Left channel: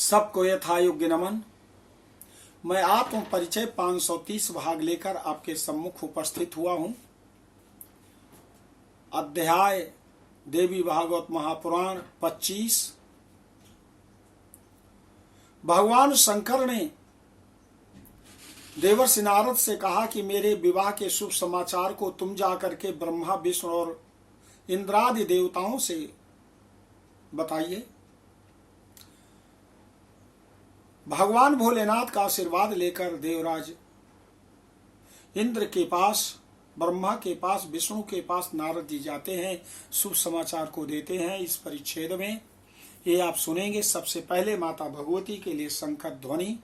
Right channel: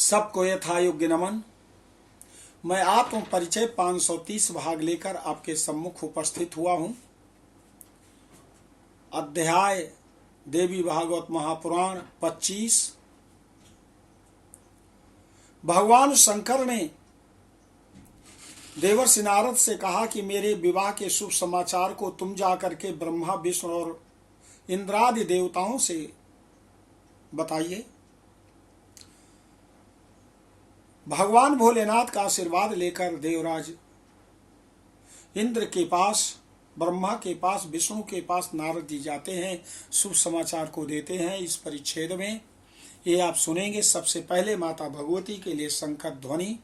सबको यथा योग्य नमन। मैं आत्म परिचय 530 भाग लेकर आपके सम्मुख उपस्थित हुआ हूं। अध्याय देवी भागवत महापुराण 25। भगवान शंकर ने देवर्षि नारद से कहा कि मेरे विवाह के शुभ समाचार को तुम जाकर के ब्रह्मा विष्णु और इंद्रादि देवताओं से बताइए। भगवान भोलेनाथ का आशीर्वाद लेकर देवराज इंद्र के पास, ब्रह्मा के पास, विष्णु के पास नारद जी जाते हैं, शुभ समाचार को देते हैं। इस परिच्छेद में ये आप सुनेंगे। सबसे पहले माता भगवती के लिए शंकर ध्वनि।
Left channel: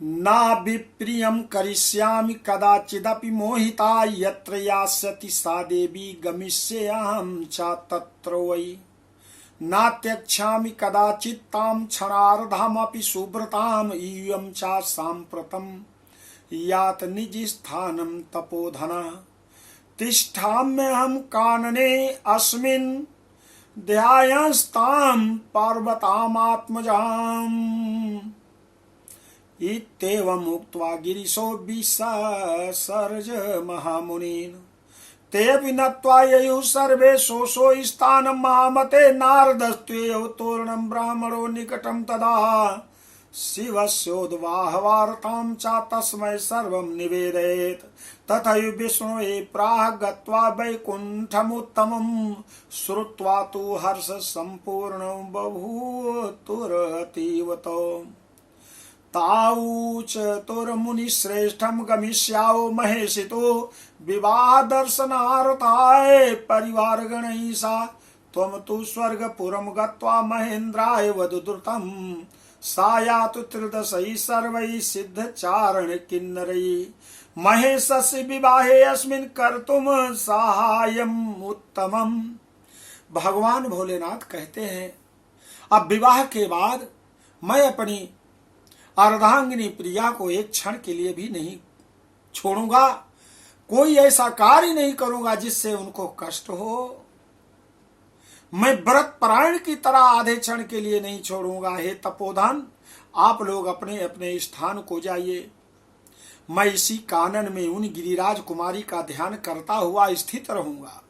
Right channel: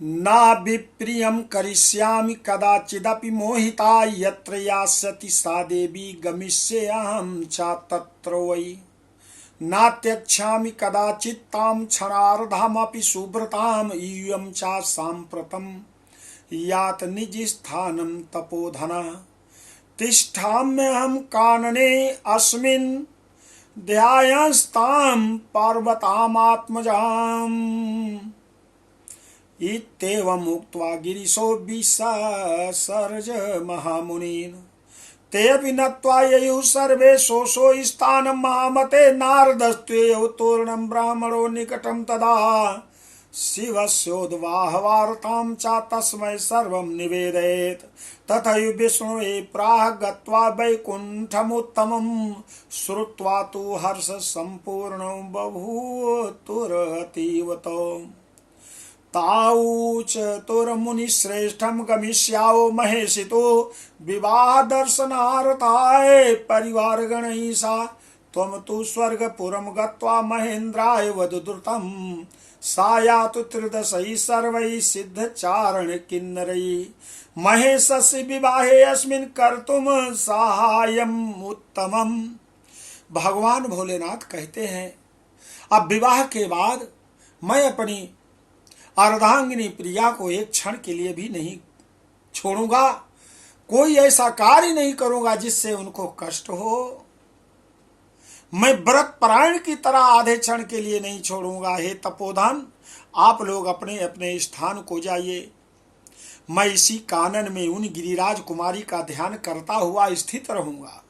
ना विप्रियं करिष्यामि कदाचिदपि मोहिता यत्र यास्यति सा देवी गमिष्येऽहं च तत्र वै ना त्यक्ष्यामि कदाचित् तां क्षणार्धमपि सुव्रताम् इयं च साम्प्रतं यात निजस्थानं तपोधना तिष्ठाम्यहं कानने अस्मिन् ध्यायस्तां पार्वतामात्मजाम्। इत्येवम् उक्त्वा गिरिशो विससर्ज महामुनीन् तेऽपि नत्वा ययुः सर्वे शोषो स्थानं महामते नारदस्त्वेव तोरणं ब्राह्मणो निकटं तदा शिवस्योद्वाहवार्तां च तस्मै सर्वं निवेदयेत्। तथैव विष्णुवे प्राह गत्वा वैकुण्ठमुत्तमं श्रुत्वा तु हर्ष सम्पूर्णो बभूवुरतीवतो ताऊच तुरमुनिश्रेष्ठं गमिष्याओ महेशितो विवाह दर्शनार्थाय परिवारगणैः सा त्वं तु स्वर्गपुरं गत्वा महेन्द्राय वदतु सा यातु त्रिदशैः सर्वैः सिद्धचारण किन्नरैः महेशस्य विवाहे अस्मिन् कर्तुम साहाय्यम् उत्तमम्। भगवान भोलेनाथ कहते हैं, अब विवाह के बाद मैं अपनी अर्धांगिनी प्रिया को एक क्षण के लिए भी नहीं छोड़ूंगा। कोई ऐसा कार्य नहीं करूंगा जिससे उनको कष्ट हो। मैं व्रत परायण की तरह आधे क्षण के लिए नहीं छोड़ूंगा। हे तपोधन, आप लोग अपने अपने स्थान को जाइए। मैं इसी कानन में उन गिरिराज कुमारी का ध्यान करता हुआ स्थित रहूंगा।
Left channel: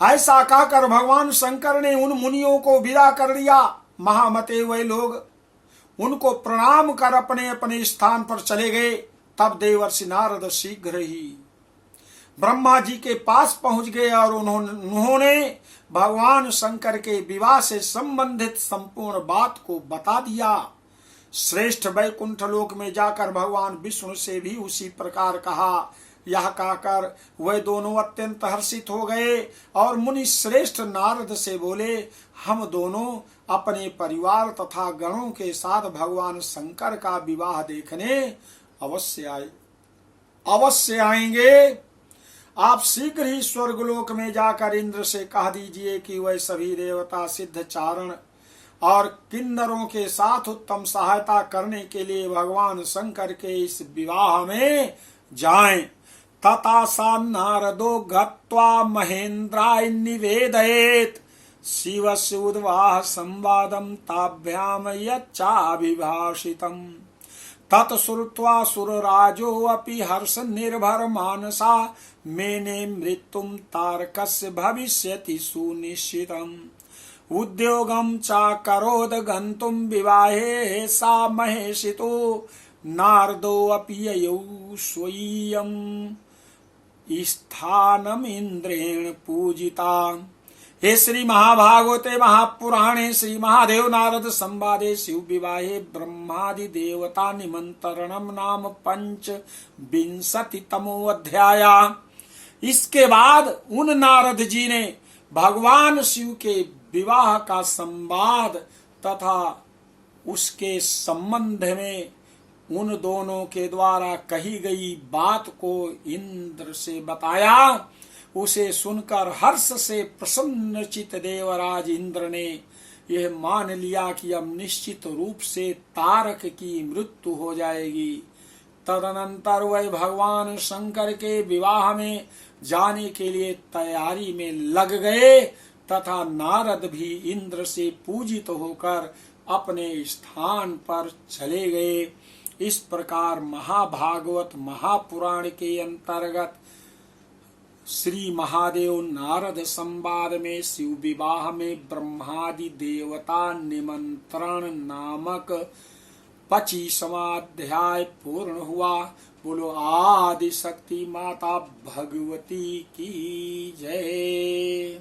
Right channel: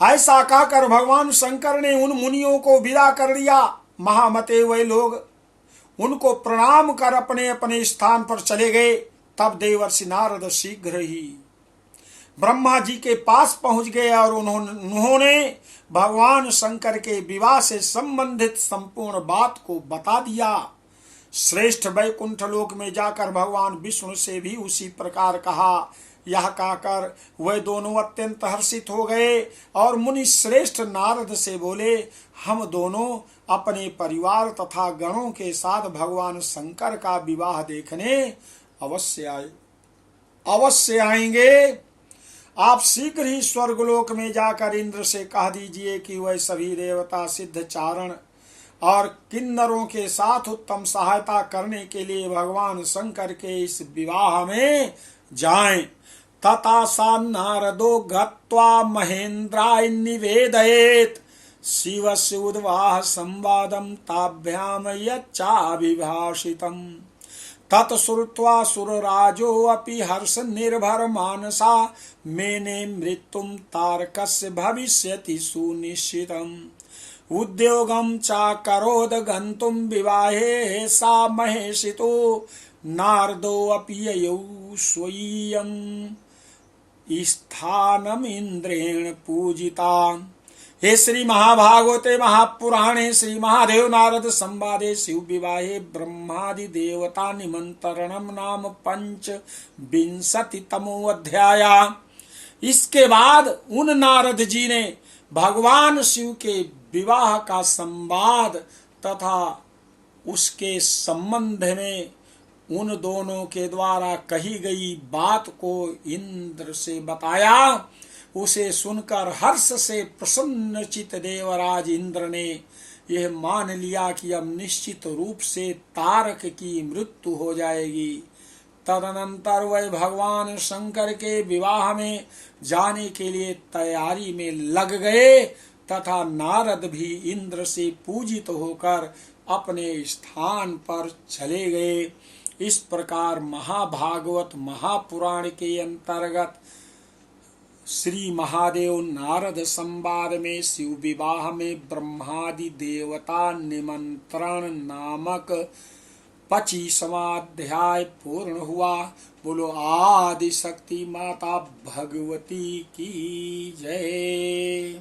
ऐसा कहकर भगवान शंकर ने उन मुनियों को विदा कर दिया। महामते वे लोग उनको प्रणाम कर अपने अपने स्थान पर चले गए। तब देवर्षि नारद शीघ्र ही ब्रह्मा जी के पास पहुंच गए और उन्होंने भगवान शंकर के विवाह से संबंधित संपूर्ण बात को बता दिया। श्रेष्ठ वैकुंठ लोक में जाकर भगवान विष्णु से भी उसी प्रकार कहा। यह कहकर वे दोनों अत्यंत हर्षित हो गए और मुनि श्रेष्ठ नारद से बोले, हम दोनों अपने परिवार तथा गणों के साथ भगवान शंकर का विवाह देखने अवश्य आएंगे। आप शीघ्र ही स्वर्गलोक में जाकर इंद्र से कह दीजिए कि वह सभी देवता सिद्ध चारण और किन्नरों के साथ उत्तम सहायता करने के लिए भगवान शंकर के इस विवाह में जाएं। तथा सा नारदो गत्वा महेन्द्राय निवेदयेत् शिवस्य उद्वाह संवादं ताभ्याम यच्चाभिभाषितम्। तत्श्रुत्वा सुरराजो अपि हर्ष निर्भर मानसा मेने मृत्युं तारकस्य भविष्यति सुनिश्चितम्। उद्योगं चाकरोद गन्तुं विवाहे सा महेशितो नारदो अपि ययौ स्वयं स्थानम् इंद्रेण पूजिता। हे श्री महाभागवते महापुराणे श्री महादेव नारद संवादे शिव विवाहे ब्रह्मादि देवता निमंत्रणम नाम 25तमो अध्याय। इसके बाद उन नारद जी ने भगवान शिव के विवाह का संवाद तथा उसके संबंध में उन दोनों के द्वारा कही गई बात को इंद्र से बताया। उसे सुनकर हर्ष से प्रसन्नचित देवराज इंद्र ने यह मान लिया कि अब निश्चित रूप से तारक की मृत्यु हो जाएगी। तदनंतर वह भगवान शंकर के विवाह में जाने के लिए तैयारी में लग गए तथा नारद भी इंद्र से पूजित होकर अपने स्थान पर चले गए। इस प्रकार महाभागवत महापुराण के अंतर्गत श्री महादेव नारद संवाद में शिव विवाह में ब्रह्मादि देवता निमंत्रण नामक 25वां अध्याय पूर्ण हुआ। बोलो आदि शक्ति माता भगवती की जय।